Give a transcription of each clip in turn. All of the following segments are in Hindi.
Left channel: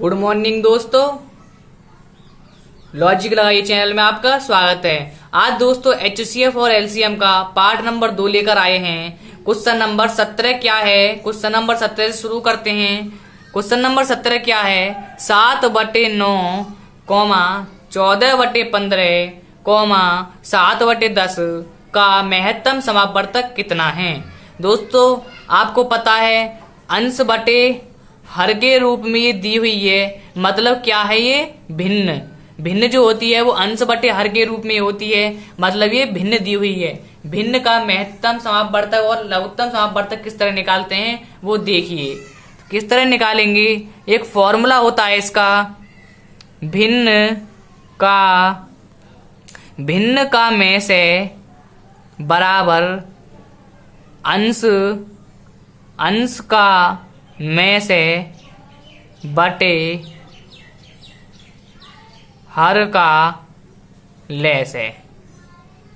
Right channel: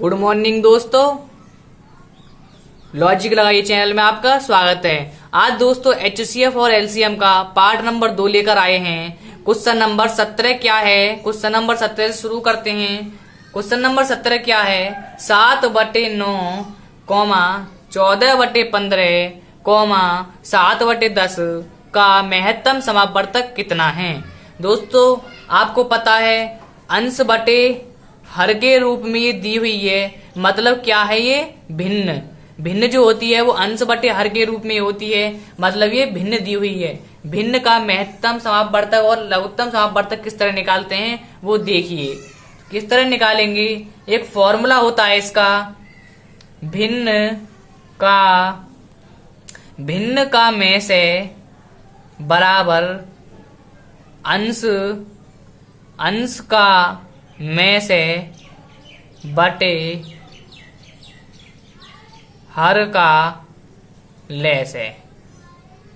गुड मॉर्निंग दोस्तों, लॉजिक लगाइए चैनल में आपका स्वागत है। आज दोस्तों HCF और LCM का पार्ट नंबर 2 लेकर आए हैं। क्वेश्चन नंबर 17 क्या है? क्वेश्चन नंबर 17 से शुरू करते हैं। क्वेश्चन नंबर 17 क्या है? 7/9, 14/15, 7/10 का महत्तम समापवर्तक कितना है? दोस्तों आपको पता है अंश बटे हर के रूप में ये दी हुई है। मतलब क्या है? ये भिन्न जो होती है वो अंश बटे हर के रूप में होती है। मतलब ये भिन्न दी हुई है। भिन्न का महत्तम समापवर्तक और लघुत्तम समापवर्तक किस तरह निकालते हैं वो देखिए। किस तरह निकालेंगे? एक फॉर्मूला होता है इसका, भिन्न का में से बराबर अंश का में से बटे हर का लय से।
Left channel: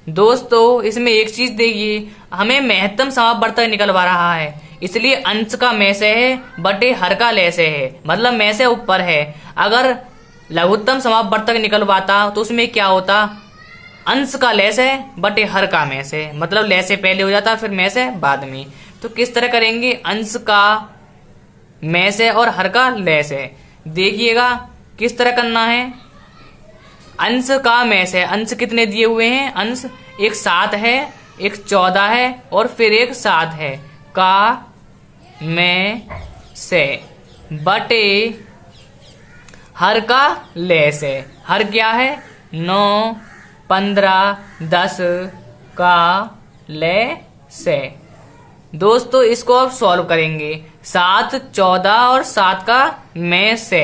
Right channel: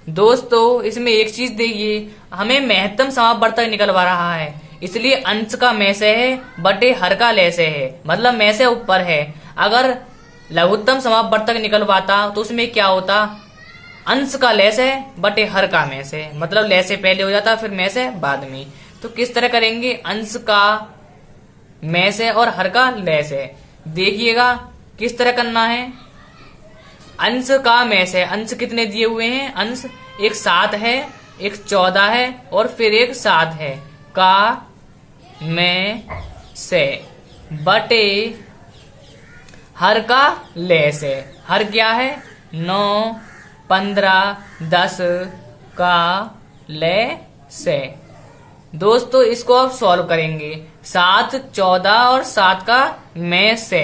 दोस्तों इसमें एक चीज देखिए, हमें महत्तम समापवर्तक निकलवा रहा है, इसलिए अंश का में से है बटे हर का लय से है। मतलब में से ऊपर है। अगर लघुत्तम समापवर्तक निकलवाता तो उसमें क्या होता? अंश का लय से बटे हर का में से। मतलब लय से पहले हो जाता फिर में से बाद में। तो किस तरह करेंगे? अंश का में से और हर का लय से। देखिएगा किस तरह करना है। अंश का में से, अंश कितने दिए हुए हैं? अंश एक 7 है, एक 14 है और फिर एक 7 है। का में से बटे हर का लय से। हर क्या है? 9, 15, 10 का लय से। दोस्तों इसको अब सॉल्व करेंगे। 7, 14 और 7 का में से।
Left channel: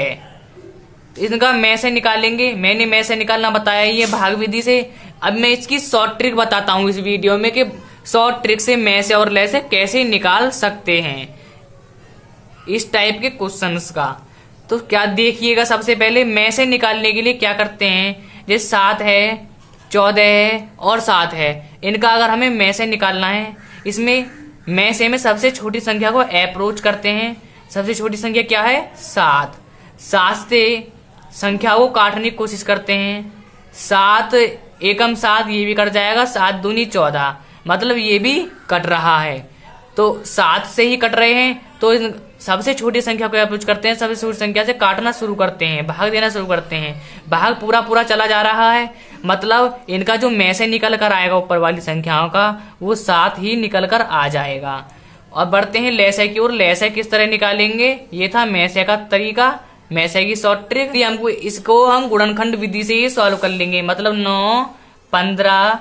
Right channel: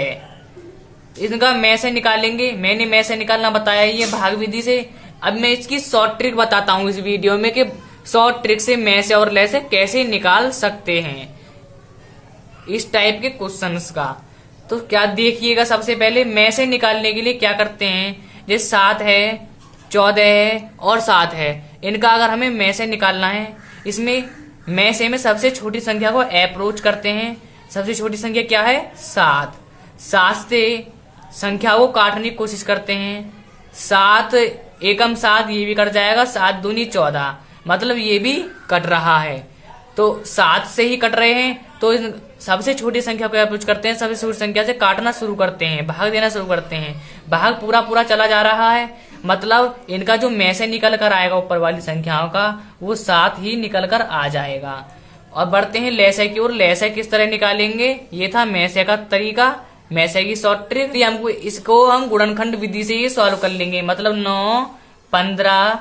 इनका में से निकालेंगे। मैंने में से निकालना बताया ये भाग विधि से। अब मैं इसकी शॉर्ट ट्रिक बताता हूँ इस वीडियो में कि शॉर्ट ट्रिक से में से और लय से कैसे निकाल सकते हैं इस टाइप के क्वेश्चंस का। तो क्या देखिएगा, सबसे पहले में से निकालने के लिए क्या करते हैं? जैसे 7 है, 14 है और 7 है, इनका अगर हमें में से निकालना है, इसमें में से में सबसे छोटी संख्या को अप्रोच करते हैं। सबसे छोटी संख्या क्या है? 7। 7 से संख्या को काटने की कोशिश करते हैं। 7 एकम 7, ये भी कट जाएगा। 7 दूनी 14, मतलब ये भी कट रहा है। तो 7 से ही कट रहे हैं तो सबसे छोटी संख्या को अप्रोच करते हैं। सबसे छोटी संख्या से काटना शुरू करते हैं, भाग देना शुरू करते हैं। भाग पूरा चला जा रहा है। मतलब इनका जो में से निकल कर आएगा ऊपर वाली संख्याओं का, वो 7 ही निकल कर आ जाएगा। और बढ़ते हैं लय से की ओर। लय से किस तरह निकालेंगे? ये था में से का तरीका, में से की शॉर्ट ट्रिक। हमको इसको हम गुणनखंड विधि से ही सॉल्व कर लेंगे। मतलब 9, 15,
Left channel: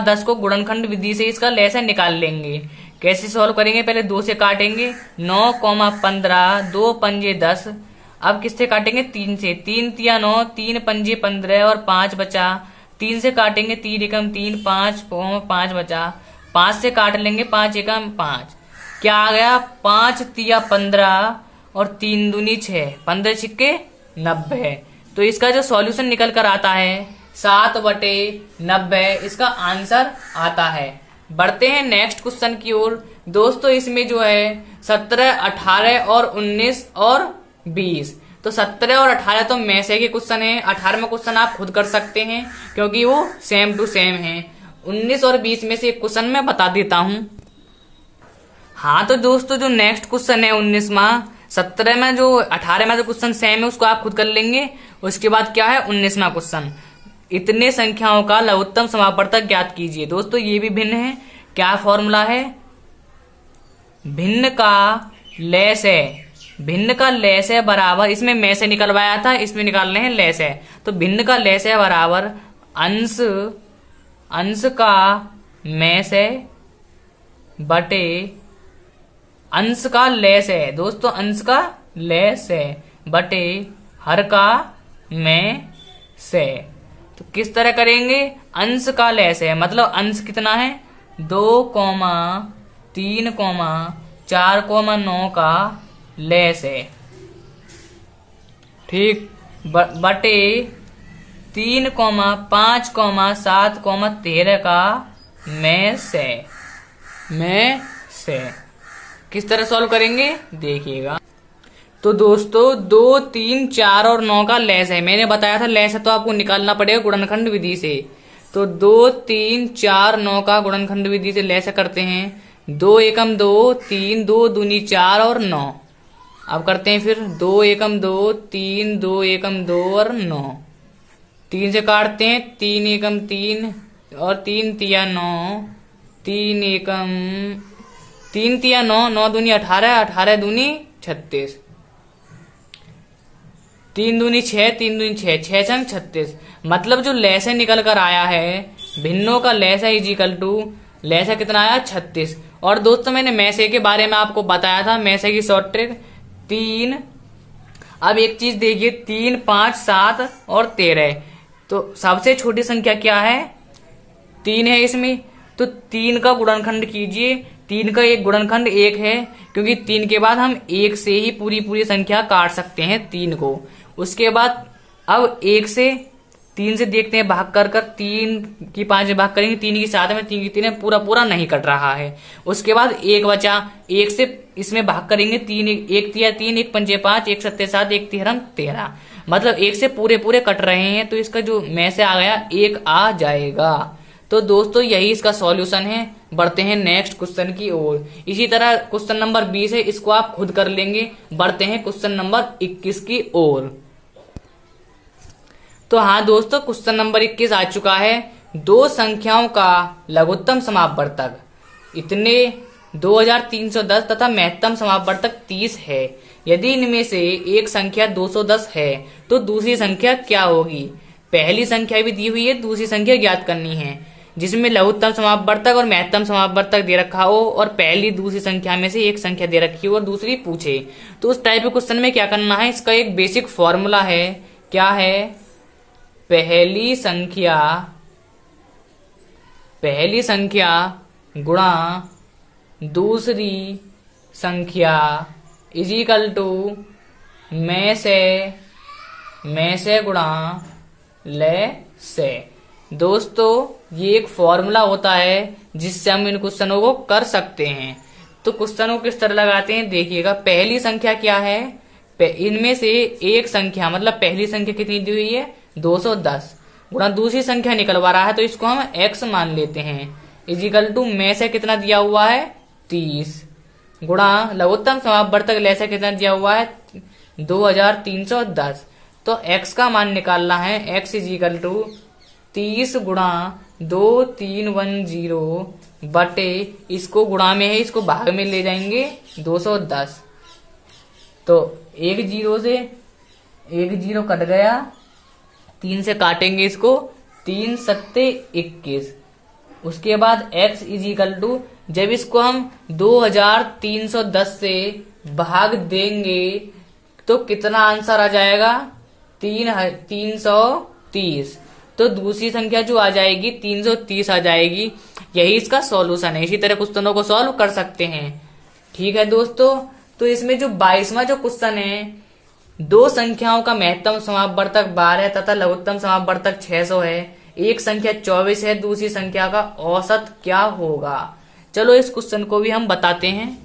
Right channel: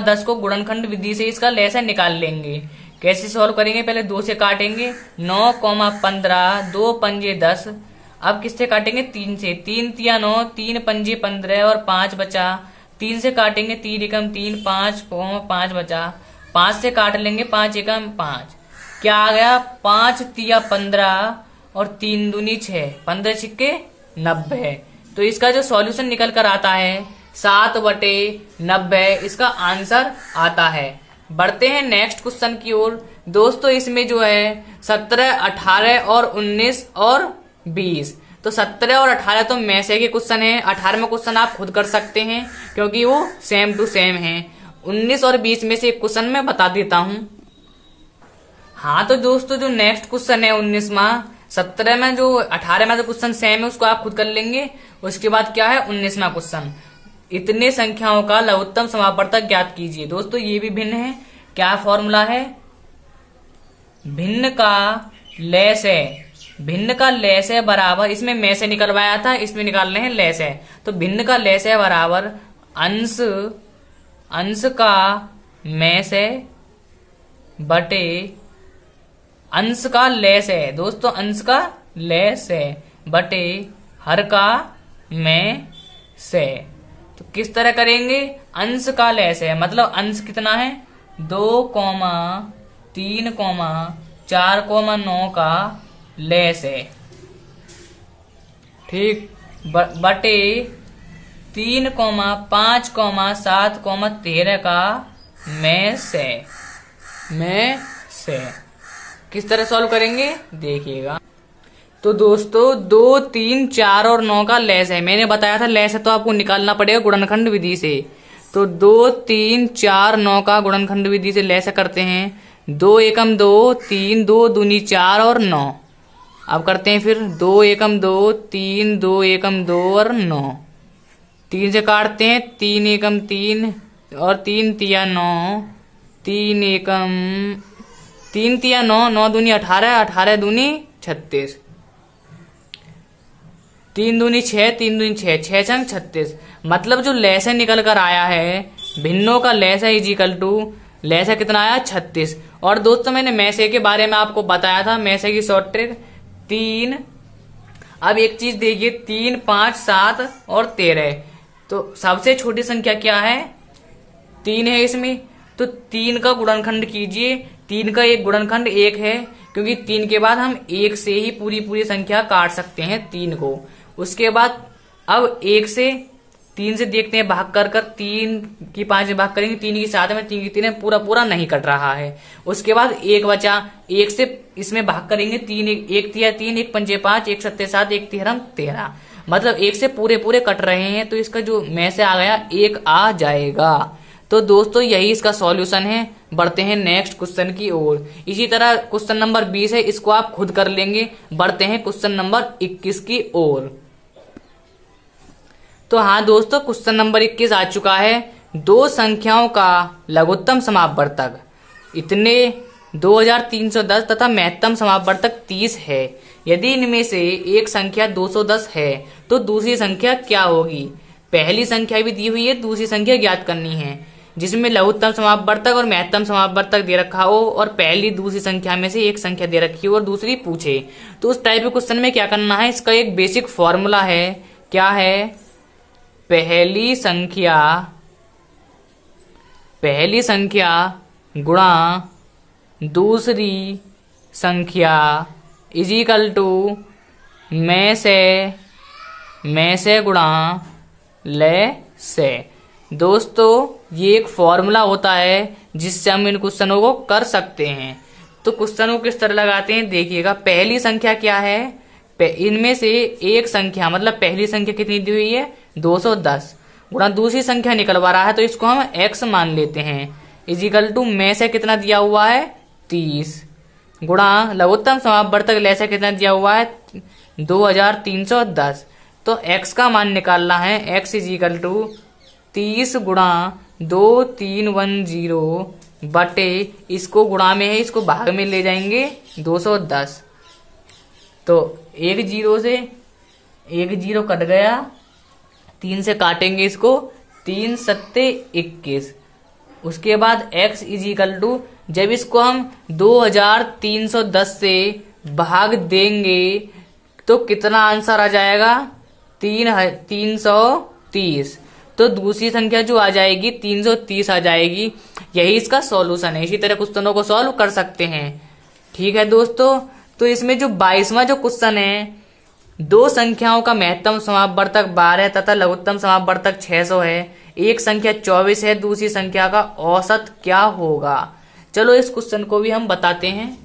10 को गुणनखंड विधि से इसका लय से निकाल लेंगे। कैसे सॉल्व करेंगे? पहले 2 से काटेंगे। 9, 15, 2 पंजे 10। अब किससे काटेंगे? 3 से। 3 तिया 9, 3 पंजे 15 और 5 बचा। 3 से काटेंगे। 3 एकम 3, 5 बचा। 5 से काट लेंगे। 5 एकम 5। क्या आ गया? 5 तिया 15 और 3 दूनी 6, 15 छिक्के 90। तो इसका जो सॉल्यूशन निकल कर आता है 7/90 इसका आंसर आता है। बढ़ते हैं नेक्स्ट क्वेश्चन की ओर। दोस्तों इसमें जो है 17, 18 और 19 और 20। तो 17 और 18 तो में से के क्वेश्चन है। 18वां क्वेश्चन आप खुद कर सकते हैं क्योंकि वो सेम टू सेम है। 19 और 20 में से एक क्वेश्चन मैं बता देता हूं। हाँ तो दोस्तों जो नेक्स्ट क्वेश्चन है 19वां, 17 में जो 18 में जो क्वेश्चन सेम है उसको आप खुद कर लेंगे। उसके बाद क्या है 19वां क्वेश्चन, इतने संख्याओं का लघुत्तम समापवर्तक ज्ञात कीजिए। दोस्तों ये भी भिन्न है। क्या फॉर्मूला है? भिन्न का लय से। भिन्न का लय से बराबर, इसमें में से निकलवाया था, इसमें निकालने हैं लय से। तो भिन्न का लय से बराबर अंश का में से बटे अंश का लय से। दोस्तों अंश का लय से बटे हर का में से। तो किस तरह करेंगे? अंश का लय से मतलब अंश कितना है? 2, 3, 4, 9 का लय से। ठीक। बटे 3, 5, 7, 13 का में से। किस तरह सॉल्व करेंगे देखिएगा। तो दोस्तों 2, 3, 4 और 9 का लेस है। मैंने बताया था लेस है तो आपको निकालना पड़ेगा गुणनखंड विधि से। तो 2, 3, 4, 9 का गुणनखंड विधि से लेस करते हैं। 2 एकम 2, 3, 2 दूनी 4 और 9। अब करते हैं फिर 2 एकम 2, 3, 2 एकम 2 और 9। 3 से काटते हैं, 3 एकम 3 और 3 तिया 9। 3 एकम 3 तिया 9, 9 दूनी 18, 18 दूनी 36। 3 दूनी 6, 3 दूनी 6, 6 छंग 36। मतलब जो लेस है निकल कर आया है, भिन्नों का लेस है इजिकल टू लेस है कितना आया 36। और दोस्तों मैंने मैसे के बारे में आपको बताया था, मैसे की शॉर्ट ट्रिक 3। अब एक चीज देखिए, 3, 5, 7 और 13। तो सबसे छोटी संख्या क्या है? 3 है इसमें। तो 3 का गुणनखंड कीजिए। 3 का एक गुणनखंड 1 है, क्योंकि 3 के बाद हम 1 से ही पूरी संख्या काट सकते हैं 3 को। उसके बाद अब 1 से 3 से देखते हैं भाग कर 3 की 5 में भाग करेंगे, 3 की 7 में, 3 की 3 में, पूरा नहीं कट रहा है। उसके बाद 1 बचा, 1 से इसमें भाग करेंगे 3, 1 तिया 3, 1 पंचे 5, 1 सत्ते 7, 1 तिहरम 13। मतलब 1 से पूरे कट रहे हैं, तो इसका जो में से आ गया 1 आ जाएगा। तो दोस्तों यही इसका सॉल्यूशन है। बढ़ते हैं नेक्स्ट क्वेश्चन की ओर। इसी तरह क्वेश्चन नंबर 20 है, इसको आप खुद कर लेंगे। बढ़ते हैं क्वेश्चन नंबर 21 की ओर। तो हाँ दोस्तों, क्वेश्चन नंबर 21 आ चुका है। दो संख्याओं का लघुत्तम समापवर्तक इतने 2310 तथा महत्तम समापवर्तक 30 है। यदि इनमें से एक संख्या 210 है तो दूसरी संख्या क्या होगी? पहली संख्या भी दी हुई है, दूसरी संख्या ज्ञात करनी है, जिसमें लघुत्तम समापवर्तक और महत्तम समापवर्तक दे रखा हो और पहली दूसरी संख्या में से एक संख्या दे रखी हो और दूसरी पूछे। तो उस टाइप के क्वेश्चन में क्या करना है? इसका एक बेसिक फॉर्मूला है। क्या है? पहली संख्या गुणा दूसरी संख्या इजिकल टू में से गुणा ले से। दोस्तों ये एक फॉर्मूला होता है जिससे हम इन क्वेश्चनों को कर सकते हैं। तो क्वेश्चन को किस तरह लगाते हैं देखिएगा। पहली संख्या क्या है? इनमें से एक संख्या, मतलब पहली संख्या कितनी दी हुई है? 210 गुणा दूसरी संख्या निकलवा रहा है, तो इसको हम x मान लेते हैं। इजिकल टू में से कितना दिया हुआ है? 30 गुणा लघुत्तम समापवर्तक ले से कितना दिया हुआ है? 2310। तो x का मान निकालना है। x इजिकल टू 30 गुणा 2310 बटे, इसको गुणा में है, इसको भाग में ले जाएंगे 210। तो एक जीरो कट गया, 3 से काटेंगे इसको, 3 सत्ते 21। उसके बाद x इजिकल टू, जब इसको हम 2310 से भाग देंगे तो कितना आंसर आ जाएगा? 330। तो दूसरी संख्या जो आ जाएगी 330 आ जाएगी। यही इसका सॉल्यूशन है। इसी तरह क्वेश्चनों को सॉल्व कर सकते हैं। ठीक है दोस्तों, तो इसमें जो 22वां जो क्वेश्चन है, दो संख्याओं का महत्तम समापवर्तक 12 तथा लघुत्तम समापवर्तक 600 है। एक संख्या 24 है, दूसरी संख्या का औसत क्या होगा? चलो इस क्वेश्चन को भी हम बताते हैं।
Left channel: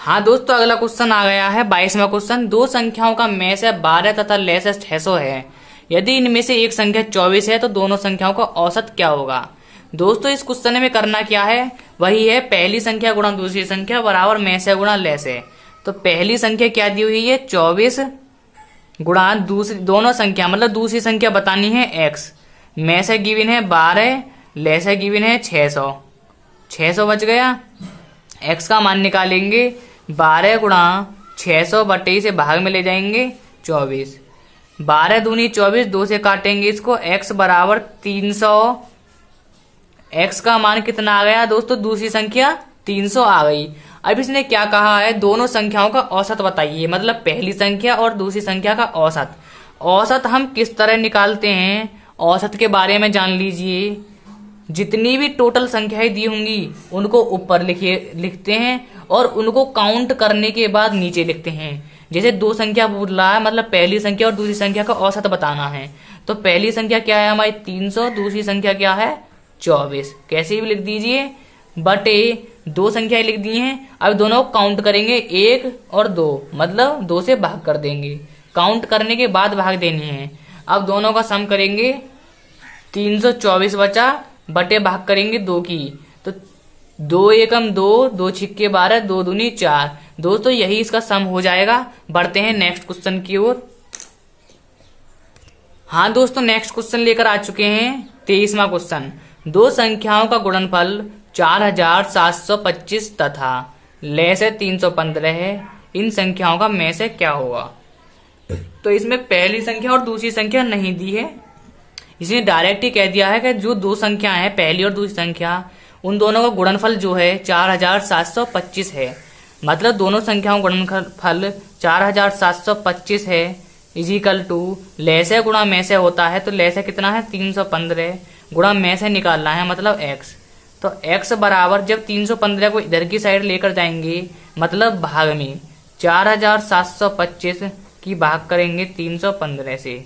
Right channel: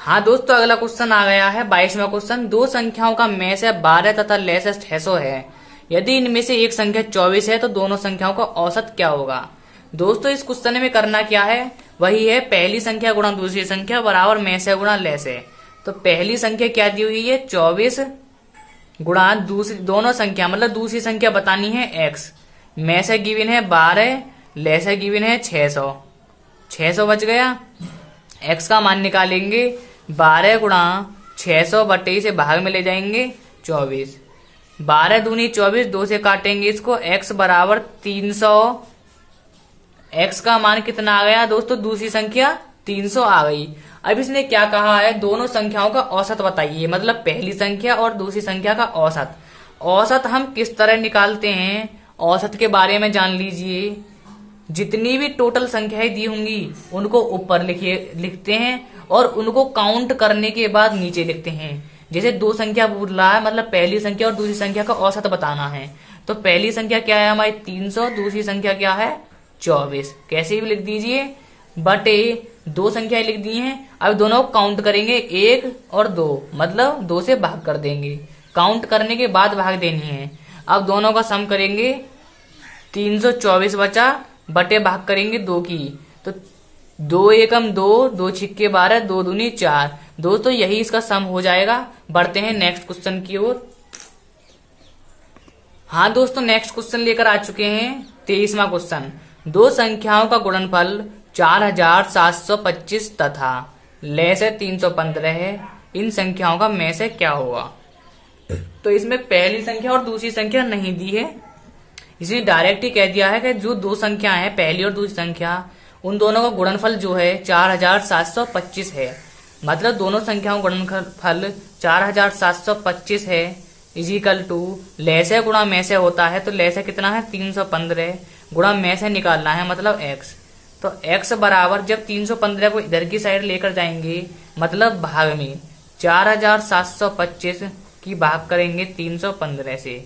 हाँ दोस्तों, अगला क्वेश्चन आ गया है 22वां क्वेश्चन। दो संख्याओं का में से 12 तथा ले से 600 है। यदि इनमें से एक संख्या 24 है तो दोनों संख्याओं का औसत क्या होगा? दोस्तों इस क्वेश्चन में करना क्या है? वही है पहली संख्या गुणा दूसरी संख्या बराबर में से गुणा ले से। तो पहली संख्या क्या दी हुई है? 24 गुणा दूसरी, दोनों संख्या मतलब दूसरी संख्या बतानी है x। में से गिवन है 12, ले से गिवन है 600। 600 बच गया। x का मान निकालेंगे, 12 गुणा 600 बटे से भाग में ले जाएंगे 24। 12 दूनी 24, 2 से काटेंगे इसको, x बराबर 300। x का मान कितना आ गया दोस्तों? दूसरी संख्या 300 आ गई। अब इसने क्या कहा है? दोनों संख्याओं का औसत बताइए, मतलब पहली संख्या और दूसरी संख्या का औसत। औसत हम किस तरह निकालते हैं? औसत के बारे में जान लीजिए। जितनी भी टोटल संख्याएं दी होंगी उनको ऊपर लिखते हैं और उनको काउंट करने के बाद नीचे लिखते हैं। जैसे दो संख्या पूछ रहा है, मतलब पहली संख्या और दूसरी संख्या का औसत बताना है। तो पहली संख्या क्या है हमारी? 300, दूसरी संख्या क्या है? 24। कैसे भी लिख दीजिए, बटे दो संख्याएं लिख दी हैं। अब दोनों को काउंट करेंगे 1 और 2, मतलब 2 से भाग कर देंगे। काउंट करने के बाद भाग देनी है। अब दोनों का सम करेंगे, 324 बचा, बटे भाग करेंगे 2 की, तो 2 एकम 2, 2 छिक्के 12, 2 दूनी 4। दोस्तों यही इसका सम हो जाएगा। बढ़ते हैं नेक्स्ट क्वेश्चन की ओर। हाँ दोस्तों, नेक्स्ट क्वेश्चन लेकर आ चुके हैं 23वां क्वेश्चन। दो संख्याओं का गुणनफल 4725 तथा लय से 315 है। इन संख्याओं का में से क्या होगा? तो इसमें पहली संख्या और दूसरी संख्या नहीं दी है, इसलिए डायरेक्ट ही कह दिया है कि जो दो संख्या है, पहली और दूसरी संख्या, उन दोनों का गुणनफल जो है 4725 है। मतलब दोनों संख्याओं का गुणनफल 4725 है, इजिकल टू लय से गुणा में से होता है। तो लय से कितना है? 315 गुणा में से निकालना है, मतलब x। तो x बराबर, जब 315 को इधर की साइड लेकर जाएंगे, मतलब भाग में 4725 की भाग करेंगे 315 से।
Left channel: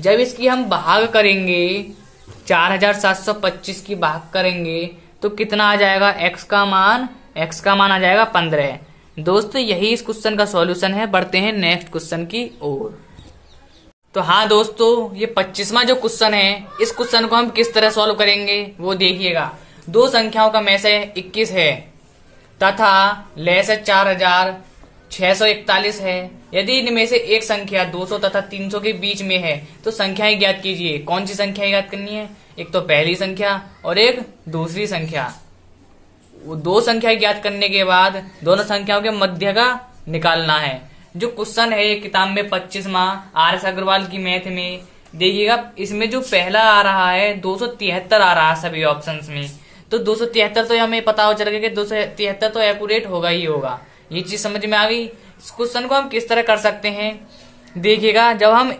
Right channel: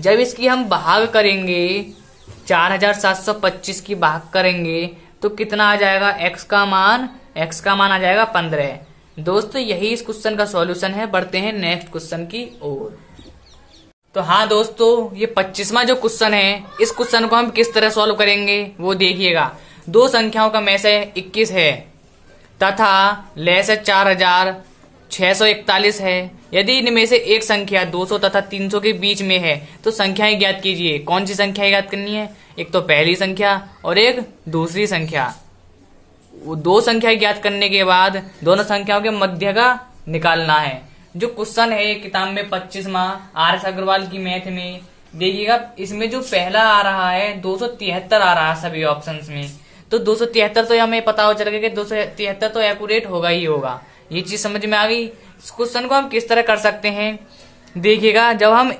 जब इसकी हम भाग करेंगे, 4725 की भाग करेंगे, तो कितना आ जाएगा? x का मान आ जाएगा 15। दोस्तों यही इस क्वेश्चन का सॉल्यूशन है। बढ़ते हैं नेक्स्ट क्वेश्चन की ओर। तो हाँ दोस्तों, ये 25वां जो क्वेश्चन है, इस क्वेश्चन को हम किस तरह सॉल्व करेंगे वो देखिएगा। दो संख्याओं का में से 21 है तथा लय से 4641 है। यदि इनमें से एक संख्या 200 तथा 300 के बीच में है तो संख्याएं ज्ञात कीजिए। कौन सी संख्या ज्ञात करनी है? एक तो पहली संख्या और एक दूसरी संख्या। वो दो संख्या ज्ञात करने के बाद दोनों संख्याओं के मध्य का निकालना है। जो क्वेश्चन है ये किताब में 25वां आर एस अग्रवाल की मैथ में, देखिएगा इसमें जो पहला आ रहा है 273 आ रहा है सभी ऑप्शंस में। तो 273 तो हमें पता हो चल गया कि 273 तो एक्यूरेट होगा ही होगा। ये चीज समझ में आ गई। इस क्वेश्चन को हम किस तरह कर सकते हैं, देखिएगा। जब हम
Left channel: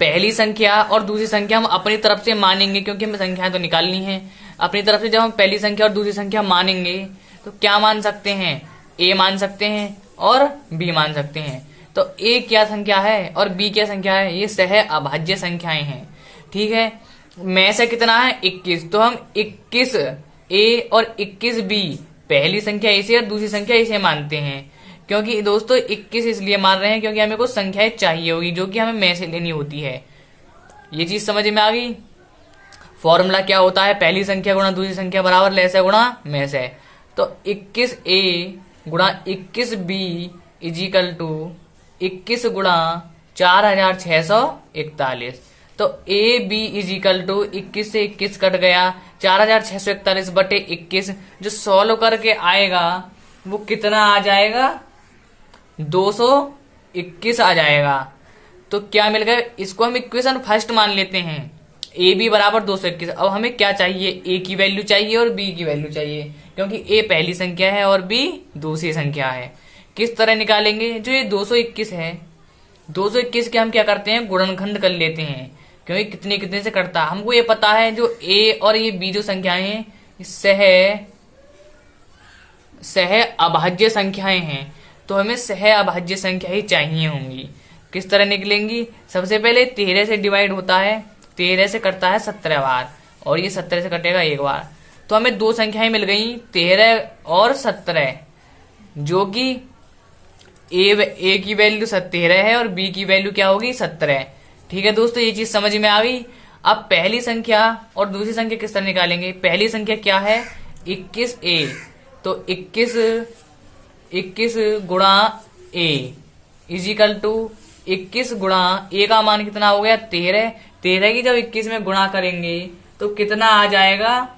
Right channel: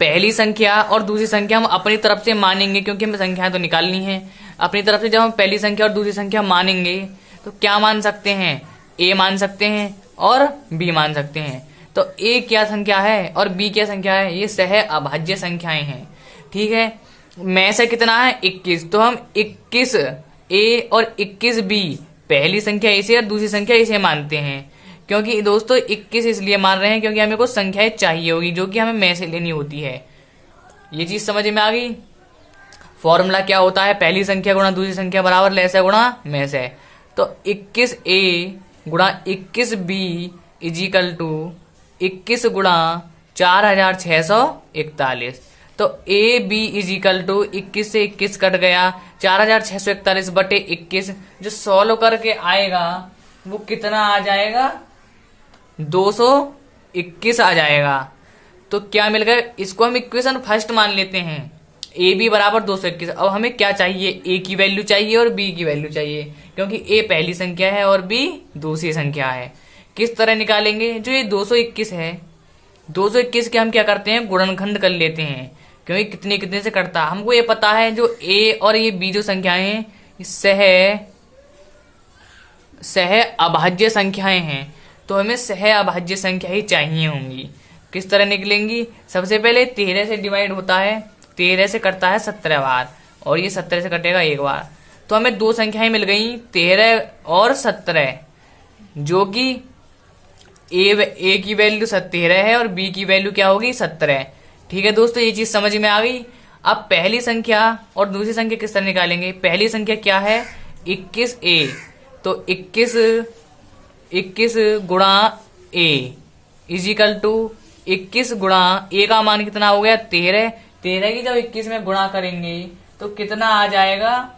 पहली संख्या और दूसरी संख्या हम अपनी तरफ से मानेंगे, क्योंकि हमें संख्या तो निकालनी है अपनी तरफ से। जब हम पहली संख्या और दूसरी संख्या मानेंगे तो क्या मान सकते हैं? ए मान सकते हैं और बी मान सकते हैं। तो ए क्या संख्या है और बी क्या संख्या है? ये सह अभाज्य संख्याएं हैं, ठीक है। में से कितना है? 21। तो हम 21 ए और 21 बी, पहली संख्या इसे और दूसरी संख्या इसे मानते हैं। क्योंकि दोस्तों 21 इसलिए मान रहे हैं क्योंकि हमें कुछ संख्याएं चाहिए होगी जो कि हमें में से लेनी होती है। ये चीज समझ में आ गई। फॉर्मूला क्या होता है? पहली संख्या गुणा दूसरी संख्या बराबर लय से गुणा में से। तो 21a गुणा 21b इजिकल टू 21 गुणा 4641। तो ए बी इजिकल टू 21 से 21 कट गया, 4641 बटे 21। जो सॉल्व करके आएगा वो कितना आ जाएगा? 221 आ जाएगा। तो क्या मिल गया? इसको हम इक्वेशन फर्स्ट मान लेते हैं, ए बी बराबर 221। अब हमें क्या चाहिए? ए की वैल्यू चाहिए और बी की वैल्यू चाहिए, क्योंकि ए पहली संख्या है और बी दूसरी संख्या है। किस तरह निकालेंगे? जो ये 221 है, 221 के हम क्या करते हैं? गुणनखंड कर लेते हैं, क्योंकि कितने कितने से कटता है। हमको ये पता है जो ए और ये बी जो संख्याएं हैं सह अभाज्य संख्याएं हैं, तो हमें सह अभाज्य संख्या ही चाहिए होंगी। किस तरह निकलेंगी? सबसे पहले 13 से डिवाइड होता है, 13 से कटता है 17 बार, और ये 17 से कटेगा एक बार। तो हमें दो संख्याएं मिल गई, 13 और 17, जो कि ए की वैल्यू 13 है और बी की वैल्यू क्या होगी? 17। ठीक है दोस्तों, ये चीज समझ में आ गई। अब पहली संख्या और दूसरी संख्या किस तरह निकालेंगे? पहली संख्या क्या है? 21a। तो 21 गुणा ए इजिकल टू 21 गुणा ए का मान कितना हो गया? 13। 13 की जब 21 में गुणा करेंगे तो कितना आ जाएगा?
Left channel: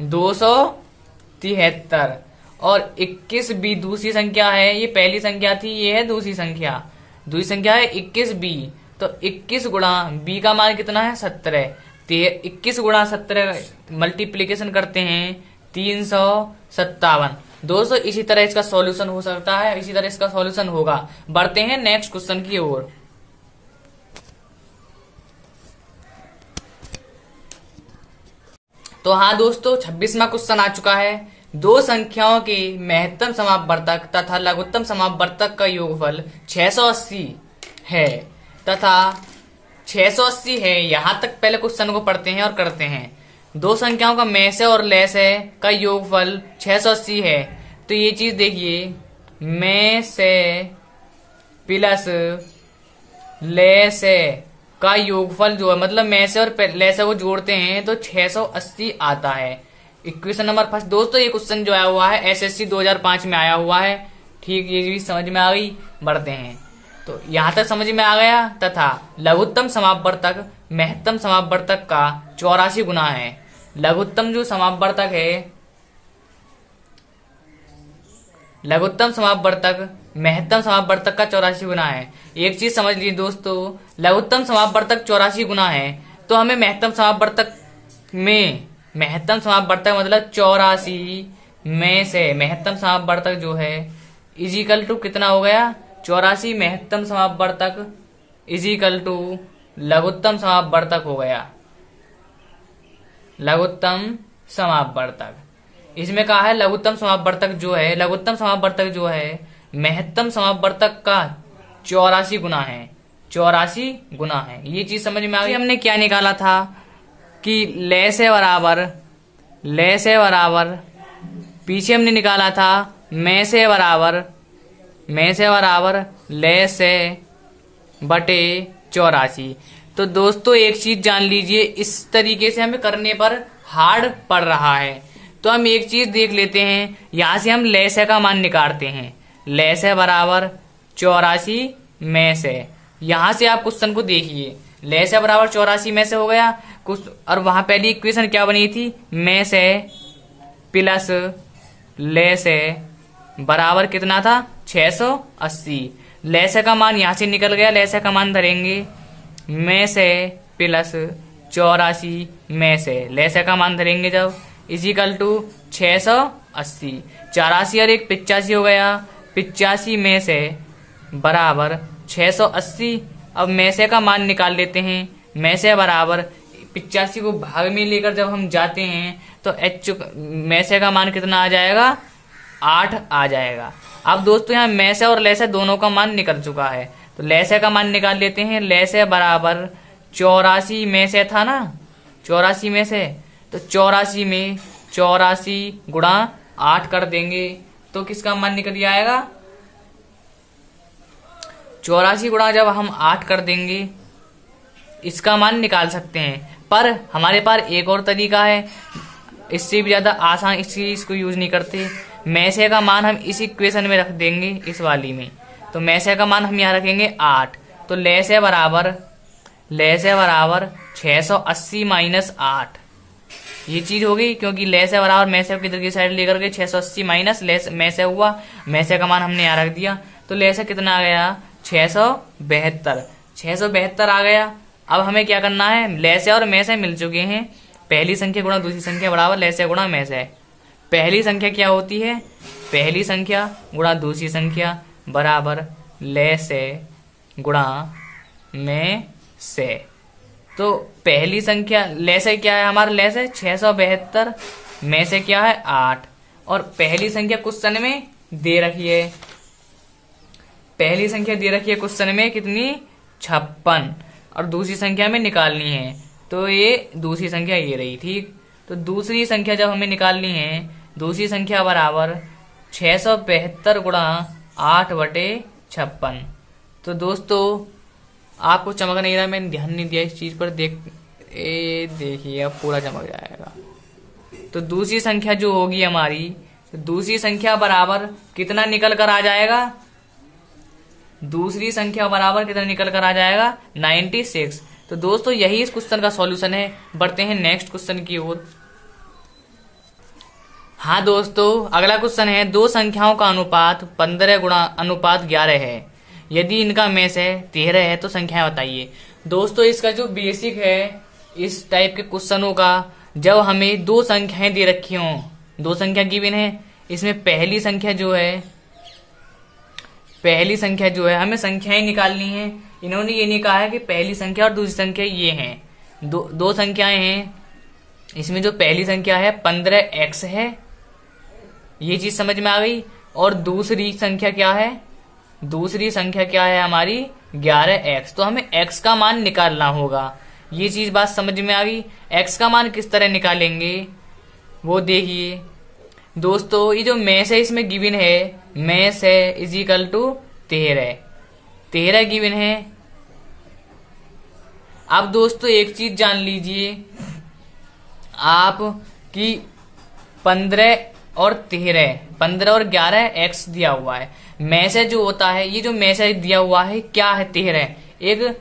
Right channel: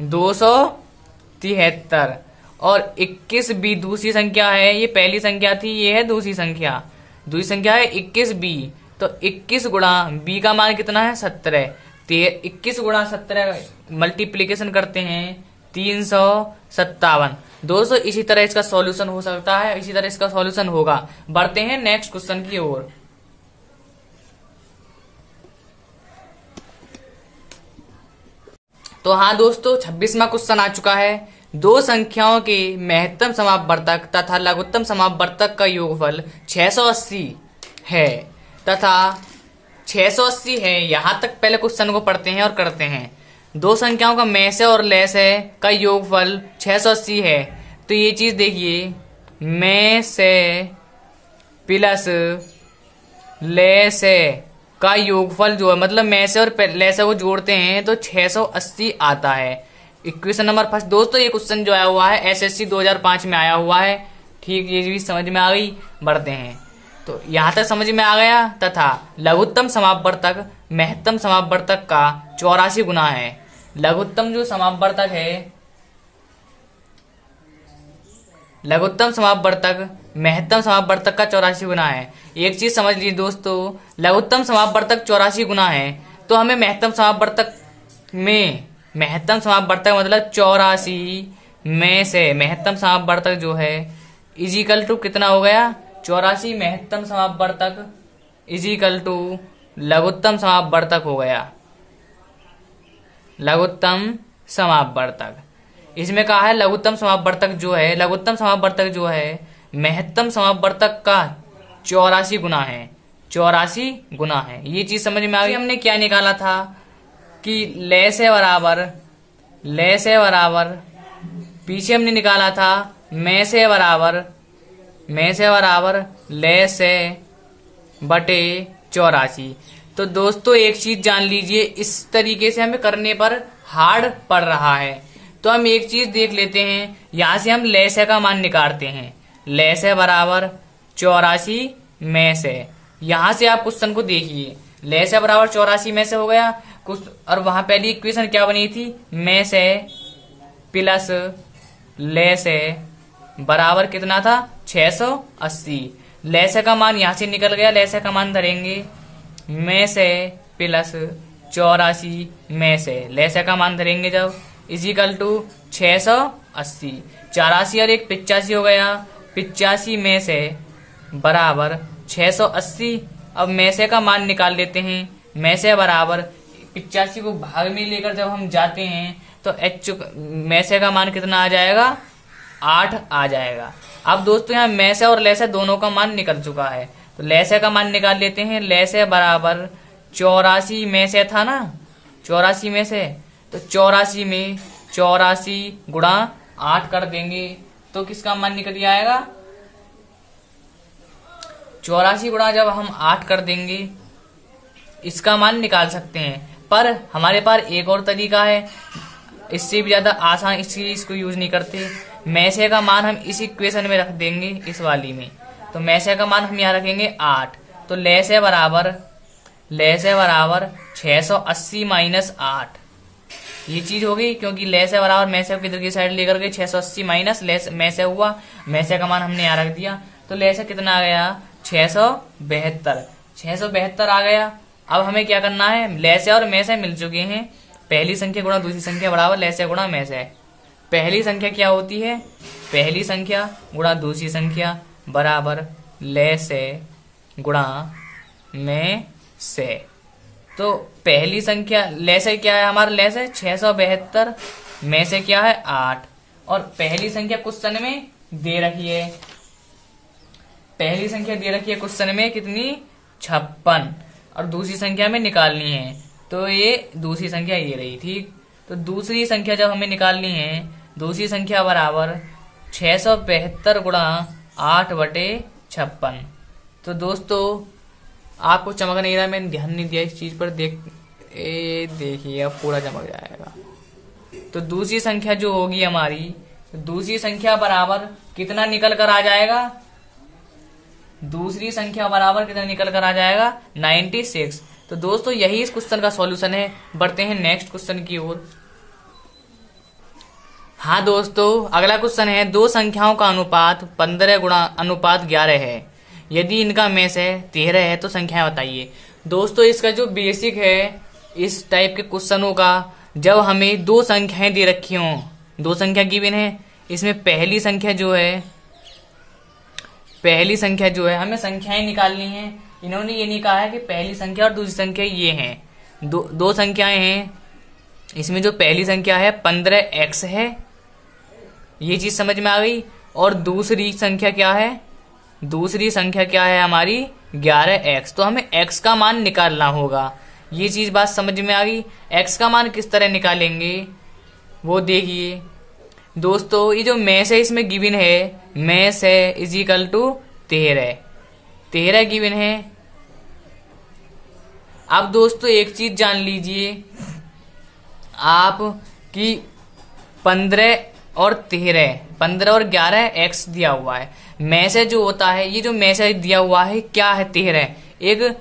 273। और 21 बी दूसरी संख्या है, ये पहली संख्या थी, ये है दूसरी संख्या। दूसरी संख्या है 21 बी। तो 21 गुणा बी का मान कितना है? 17। 21 गुणा 17 मल्टीप्लीकेशन करते हैं 357। दोस्तों इसी तरह इसका सॉल्यूशन हो सकता है, इसी तरह इसका सॉल्यूशन होगा। बढ़ते हैं नेक्स्ट क्वेश्चन की ओर। तो हाँ दोस्तों, 26वां क्वेश्चन आ चुका है। दो संख्याओं के महत्तम समापवर्तक तथा लघुत्तम समापवर्तक का योगफल 680 है तथा 680 है। यहां तक पहले क्वेश्चन को पढ़ते हैं और करते हैं। दो संख्याओं का में से और ले से का योगफल 680 है। तो ये चीज देखिए, में से प्लस ले से का योगफल जो है, मतलब में से और ले से को जोड़ते हैं तो 680 आता है। Equation number first. दोस्तों ये क्वेश्चन जो आया हुआ है एसएससी 2005 में आया हुआ है। ठीक, ये भी समझ में आ गई। बढ़ते हैं, तो यहां तक समझ में आ गया। तथा लघुत्तम समापवर्तक महत्तम समापवर्तक का 84 गुना है। लघुत्तम जो समापवर्तक है, लघुत्तम समापवर्तक महत्तम समापवर्तक का 84 गुना है। एक चीज समझ लीजिए दोस्तों, लघुत्तम समापवर्तक 84 गुना है तो हमें महत्तम समापवर्तक में, महत्तम समापवर्तक मतलब 84 में से महत्तम समापवर्तक जो है इजिकल टू कितना हो गया, 84 महत्तम समापवर्तक इजिकल टू लघुत्तम समापवर्तक हो गया। लघुत्तम समापवर्तक इसमें कहा है लघुत्तम समापवर्तक जो है, लघुत्तम समापवर्तक जो है महत्तम समापवर्तक का 84 गुना है। 84 गुना है। ये चीज समझ में आ गई। हमने क्या निकाला था कि ले से बराबर पीछे हमने निकाला था में से बराबर ले से बटे 84। तो दोस्तों एक चीज जान लीजिए, इस तरीके से हमें करने पर हार्ड पड़ रहा है। तो हम एक चीज देख लेते हैं, यहां से हम ले से का मान निकालते हैं। ले से बराबर 84 में से, यहां से आप क्वेश्चन को देखिए, ले से बराबर 84 में से हो गया कुछ, और वहां पहली इक्वेशन क्या बनी थी, में से प्लस ले से बराबर कितना था 680। ले से का मान यहां से निकल गया, ले से का मान धरेंगे में से प्लस 84 में से, ले से का मान धरेंगे जब इजिकल टू 680। 84 और 1 85 हो गया, 85 में से बराबर 680। अब में से का मान निकाल लेते हैं। में से बराबर 85 को भाग में लेकर जब हम जाते हैं तो में से का मान कितना आ जाएगा, 8 आ जाएगा। अब दोस्तों यहाँ में से और ले से दोनों का मान निकल चुका है, तो ले से का मान निकाल लेते हैं। ले से बराबर 84 में से था ना, 84 में से, तो 84 में 84 गुणा 8 कर देंगे तो किसका मान निकल आएगा, 84 गुणा जब हम 8 कर देंगे इसका मान निकाल सकते हैं। पर हमारे पास एक और तरीका है, इससे भी ज्यादा आसान, इस चीज को यूज नहीं करते। में से का मान हम इस इक्वेशन में रख देंगे, इस वाली में। तो में से का मान हम यहाँ रखेंगे 8। तो ले से बराबर 680 माइनस 8, ये चीज होगी, क्योंकि ले से बराबर में से किधर की साइड लेकर के 680 माइनस में से हुआ, में से का मान हमने यहाँ रख दिया। तो ले से कितना आ गया, 672 आ गया। अब हमें क्या करना है, ले से और में से मिल चुके हैं, पहली संख्या गुणा दूसरी संख्या बराबर ले से गुणा में से। पहली संख्या क्या होती है, पहली संख्या गुणा दूसरी संख्या बराबर ले से गुणा में से। तो पहली संख्या ले से क्या है हमारा, ले से 672, में से क्या है 8, और पहली संख्या क्वेश्चन में दे रखी है, पहली संख्या दे रखी है क्वेश्चन में कितनी, 56, और दूसरी संख्या में निकालनी है। तो ये दूसरी संख्या ये रही, ठीक। तो दूसरी संख्या जब हमें निकालनी है, दूसरी संख्या बराबर 672 गुणा 8/56। तो दोस्तों आपको चमक नहीं रहा, मैंने ध्यान नहीं दिया इस चीज पर, देखिए अब पूरा चमक जाएगा। तो दूसरी संख्या जो होगी हमारी, तो दूसरी संख्या बराबर कितना निकल कर आ जाएगा, दूसरी संख्या बराबर कितना निकल कर आ जाएगा, 96। तो दोस्तों यही इस क्वेश्चन का सॉल्यूशन है। बढ़ते हैं नेक्स्ट क्वेश्चन की ओर। हाँ दोस्तों, अगला क्वेश्चन है, दो संख्याओं का अनुपात 15 गुणा अनुपात 11 है, यदि इनका में से 13 है तो संख्याएं बताइए। दोस्तों इसका जो बेसिक है इस टाइप के क्वेश्चनों का, जब हमें दो संख्याएं दे रखी हों, दो संख्या गिवन है, इसमें पहली संख्या जो है हमें संख्याएं निकालनी है। इन्होंने ये नहीं कहा है कि पहली संख्या और दूसरी संख्या ये हैं, दो संख्याएं हैं। इसमें जो पहली संख्या है 15x है, ये चीज समझ में आ गई। और दूसरी संख्या क्या है, दूसरी संख्या क्या है हमारी 11x। तो हमें x का मान निकालना होगा। ये चीज बात समझ में आ गई। एक्स का मान किस तरह निकालेंगे वो देखिए दोस्तों। ये जो मैस है इसमें गिवन है, मैस है इज इक्वल टू 13 गिवन है। अब दोस्तों एक चीज जान लीजिए आप कि 15 और 11 एक्स दिया हुआ है। मैसेज जो होता है, ये जो मैसेज दिया हुआ है क्या है 13, एक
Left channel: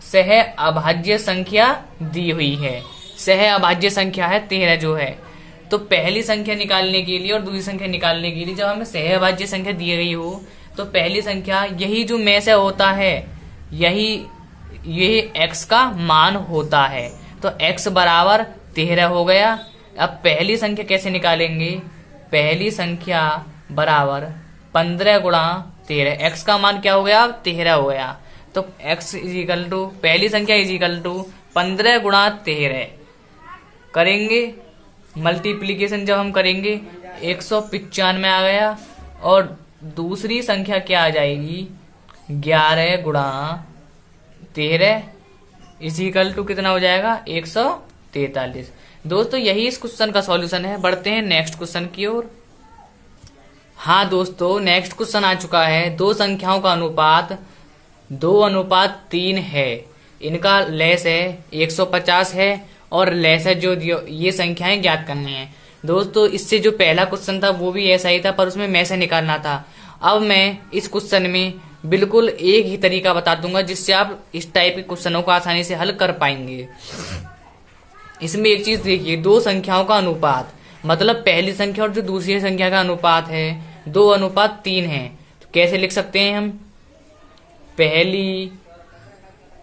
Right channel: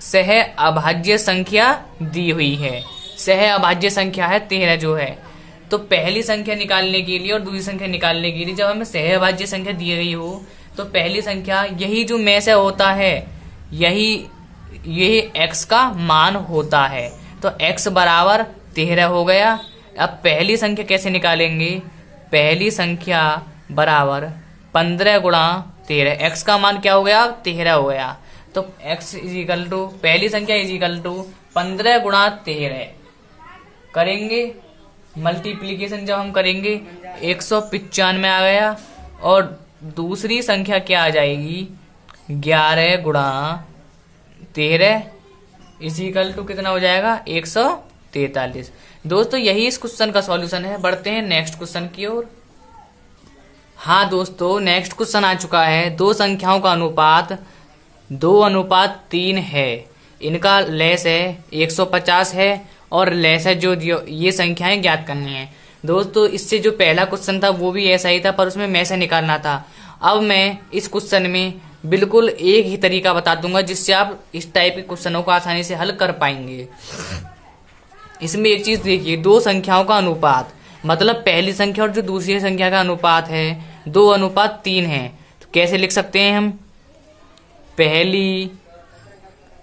सह अभाज्य संख्या दी हुई है। सह अभाज्य संख्या है 13 जो है। तो पहली संख्या निकालने के लिए और दूसरी संख्या निकालने के लिए जब हमें सह अभाज्य संख्या दी गई हो तो पहली संख्या यही जो मैसेज होता है यही एक्स का मान होता है। तो एक्स बराबर 13 हो गया। अब पहली संख्या कैसे निकालेंगे, पहली संख्या बराबर 15 गुणा 13, एक्स का मान क्या हो गया 13 हो गया। तो एक्स इज इक्वल टू पहली संख्या इज इक्वल टू 15 गुणा 13 करेंगे मल्टीप्लीकेशन जब हम करेंगे 195 आ गया। और दूसरी संख्या क्या आ जाएगी 11 गुणा 13 इज इक्वल टू कितना हो जाएगा 143। दोस्तों यही इस क्वेश्चन का सॉल्यूशन है। बढ़ते हैं नेक्स्ट क्वेश्चन की ओर। हाँ दोस्तों नेक्स्ट क्वेश्चन आ चुका है। दो संख्याओं का अनुपात 2:3 है। इनका लेस है 150 है और लेस है जो ये संख्याएं ज्ञात करनी है। दोस्तों इससे जो पहला क्वेश्चन था वो भी ऐसा ही था पर उसमें मैसे निकालना था। अब मैं इस क्वेश्चन में बिल्कुल एक ही तरीका बता दूंगा जिससे आप इस टाइप के क्वेश्चनों को आसानी से हल कर पाएंगे। इसमें एक चीज देखिए, दो संख्याओं का अनुपात मतलब पहली संख्या और जो दूसरी संख्या का अनुपात है 2:3 है। तो कैसे लिख सकते हैं हम, पहली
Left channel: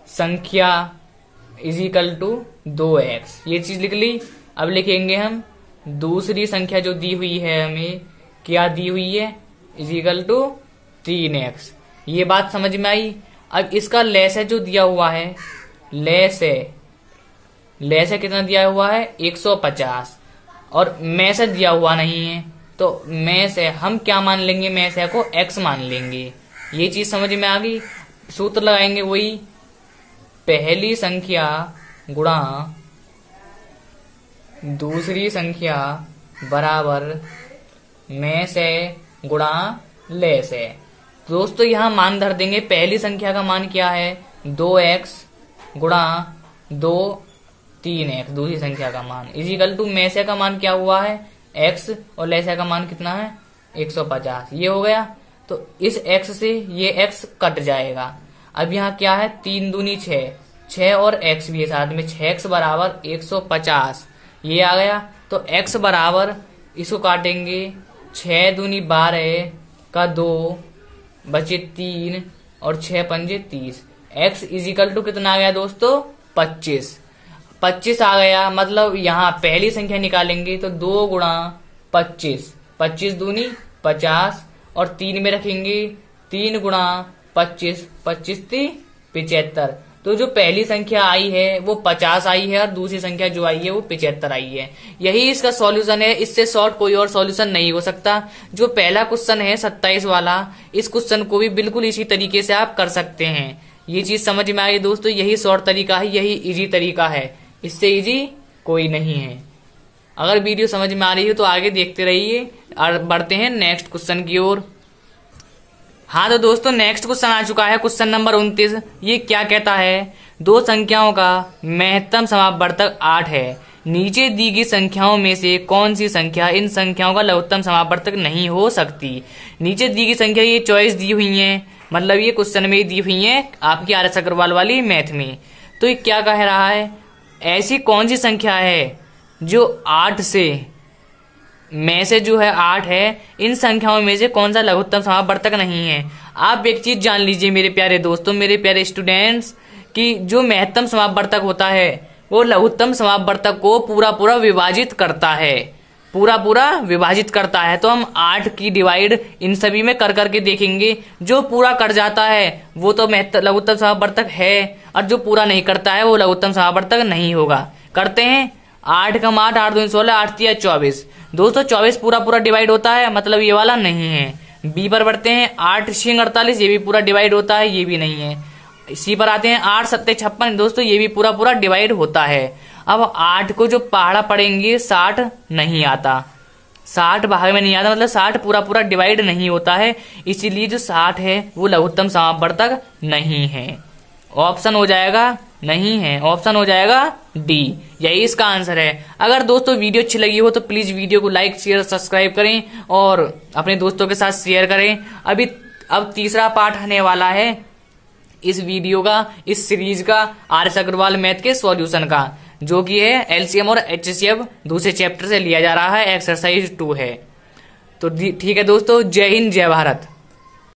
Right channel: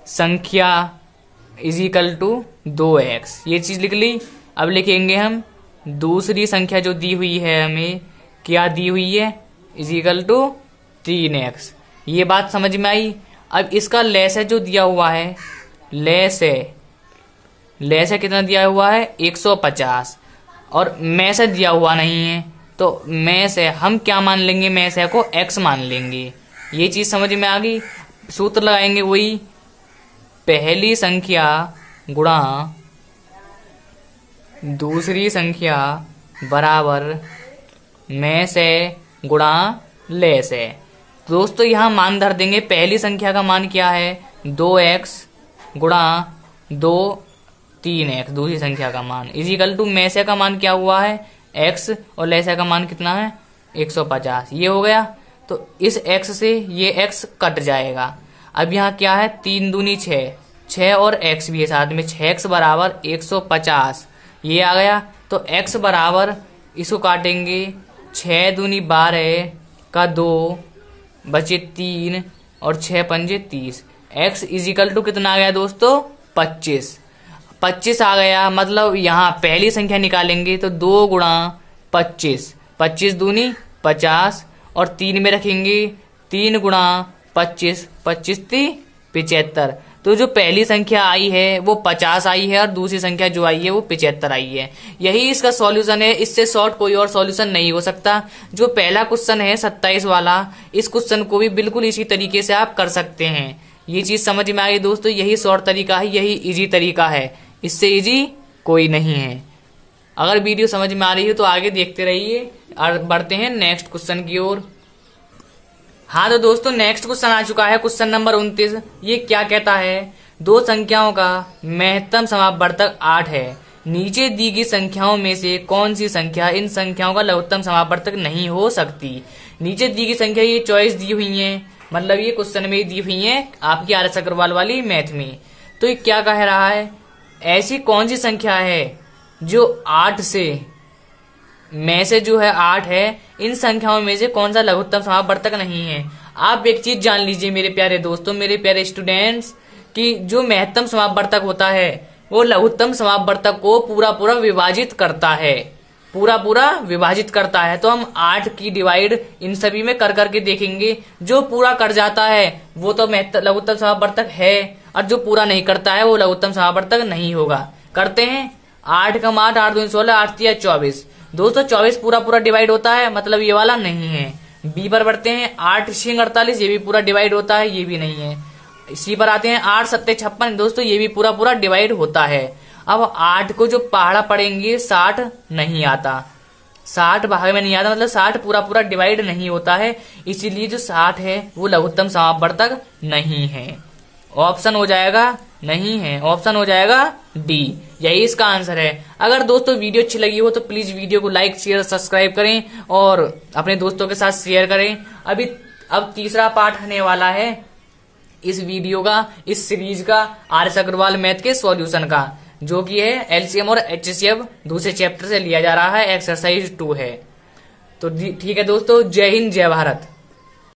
संख्या इज इक्वल टू 2x, ये चीज लिख ली। अब लिखेंगे हम दूसरी संख्या जो दी हुई है हमें क्या दी हुई है इज इक्वल टू 3x। ये बात समझ में आई। अब इसका लेस है जो दिया हुआ है, लेस है कितना दिया हुआ है 150 और मैसेज दिया हुआ नहीं है। तो मैस है हम क्या मान लेंगे, मैस है को x मान लेंगे। ये चीज समझ में आ गई। सूत्र लगाएंगे वही, पहली संख्या गुणा दूसरी संख्या बराबर मैस है गुणा लेस है। दोस्तों यहां मान धर देंगे। पहली संख्या का मान क्या है 2x गुणा 3x, दूसरी संख्या का मान इज इक्वल टू मैसे का मान क्या हुआ है x और लेसे का मान कितना है 150। ये हो गया। तो इस x से ये x कट जाएगा। अब यहाँ क्या है 3 दूनी 6 और x भी है साथ में, 6x बराबर 150 ये आ गया। तो x बराबर इसको काटेंगे 6 दूनी 12 का 2 बचे 3 और 6 पंजे 30। x इज इक्वल टू कितना आ गया दोस्तों 25 आ गया। मतलब यहाँ पहली संख्या निकालेंगे तो 2 गुणा 25, 25 दूनी 50 और 3 में रखेंगे 3 गुणा 25, 25 × 75। तो जो पहली संख्या आई है वो 50 आई है और दूसरी संख्या जो आई है वो 75 आई है। यही इसका सॉल्यूशन है। इससे शॉर्ट कोई और सॉल्यूशन नहीं हो सकता। जो पहला क्वेश्चन है 27 वाला, इस क्वेश्चन को भी बिल्कुल इसी तरीके से आप कर सकते हैं। ये चीज समझ में आ गई दोस्तों। यही शॉर्ट तरीका है, यही इजी तरीका है, इससे इजी कोई नहीं है। अगर वीडियो समझ में आ रही है तो आगे देखते रहिए और बढ़ते हैं नेक्स्ट क्वेश्चन की ओर। हाँ तो दोस्तों नेक्स्ट क्वेश्चन आ चुका है, क्वेश्चन नंबर 29। ये क्या कहता है, दो संख्याओं का महत्तम समापवर्तक 8 है। नीचे दी गई संख्याओं में से कौन सी संख्या इन संख्याओं का लघुत्तम समापवर्तक नहीं हो सकती। नीचे दी गई संख्या ये चॉइस दी हुई है, मतलब ये क्वेश्चन में दी हुई है आपकी RS अग्रवाल वाली मैथ में। तो ये क्या कह रहा है, ऐसी कौन सी संख्या है जो 8 से में से जो है 8 है, इन संख्याओं में से कौन सा लघुत्तम समापवर्तक नहीं है। आप एक चीज जान लीजिए मेरे प्यारे दोस्तों, मेरे प्यारे स्टूडेंट्स, कि जो महत्तम समापवर्तक होता है वो लघुत्तम समापवर्तक को पूरा विभाजित करता है, पूरा विभाजित करता है। तो हम 8 की डिवाइड इन सभी में कर करके देखेंगे। जो पूरा कर जाता है वो तो लघुत्तम समापवर्तक है और जो पूरा नहीं करता है वो लघुत्तम समापवर्तक नहीं होगा। करते हैं 8 का 8, 8 2 16, 8 3 24। दोस्तों 24 पूरा डिवाइड होता है, मतलब ये वाला नहीं है। बी पर बढ़ते हैं 8 6 48, ये भी पूरा डिवाइड होता है, ये भी नहीं है। इसी पर आते हैं 8 सत्ते 56। दोस्तों ये भी पूरा पूरा डिवाइड होता है। अब 8 को जो पहाड़ा पड़ेंगे 60 नहीं आता, 60 भाग में नहीं आता, मतलब 60 पूरा पूरा डिवाइड नहीं होता है, इसीलिए जो 60 है वो लघुत्तम समापवर्तक नहीं है। ऑप्शन हो जाएगा नहीं है, ऑप्शन हो जाएगा डी, यही इसका आंसर है। अगर दोस्तों वीडियो अच्छी लगी हो तो प्लीज वीडियो को लाइक शेयर सब्सक्राइब करें और अपने दोस्तों के साथ शेयर करें। अब तीसरा पार्ट आने वाला है इस वीडियो का, इस सीरीज का, आर.एस. अग्रवाल मैथ के सॉल्यूशन का, जो कि है एलसीएम और एचसीएफ दूसरे चैप्टर से लिया जा रहा है, एक्सरसाइज 2 है। तो ठीक है दोस्तों, जय हिंद जय भारत।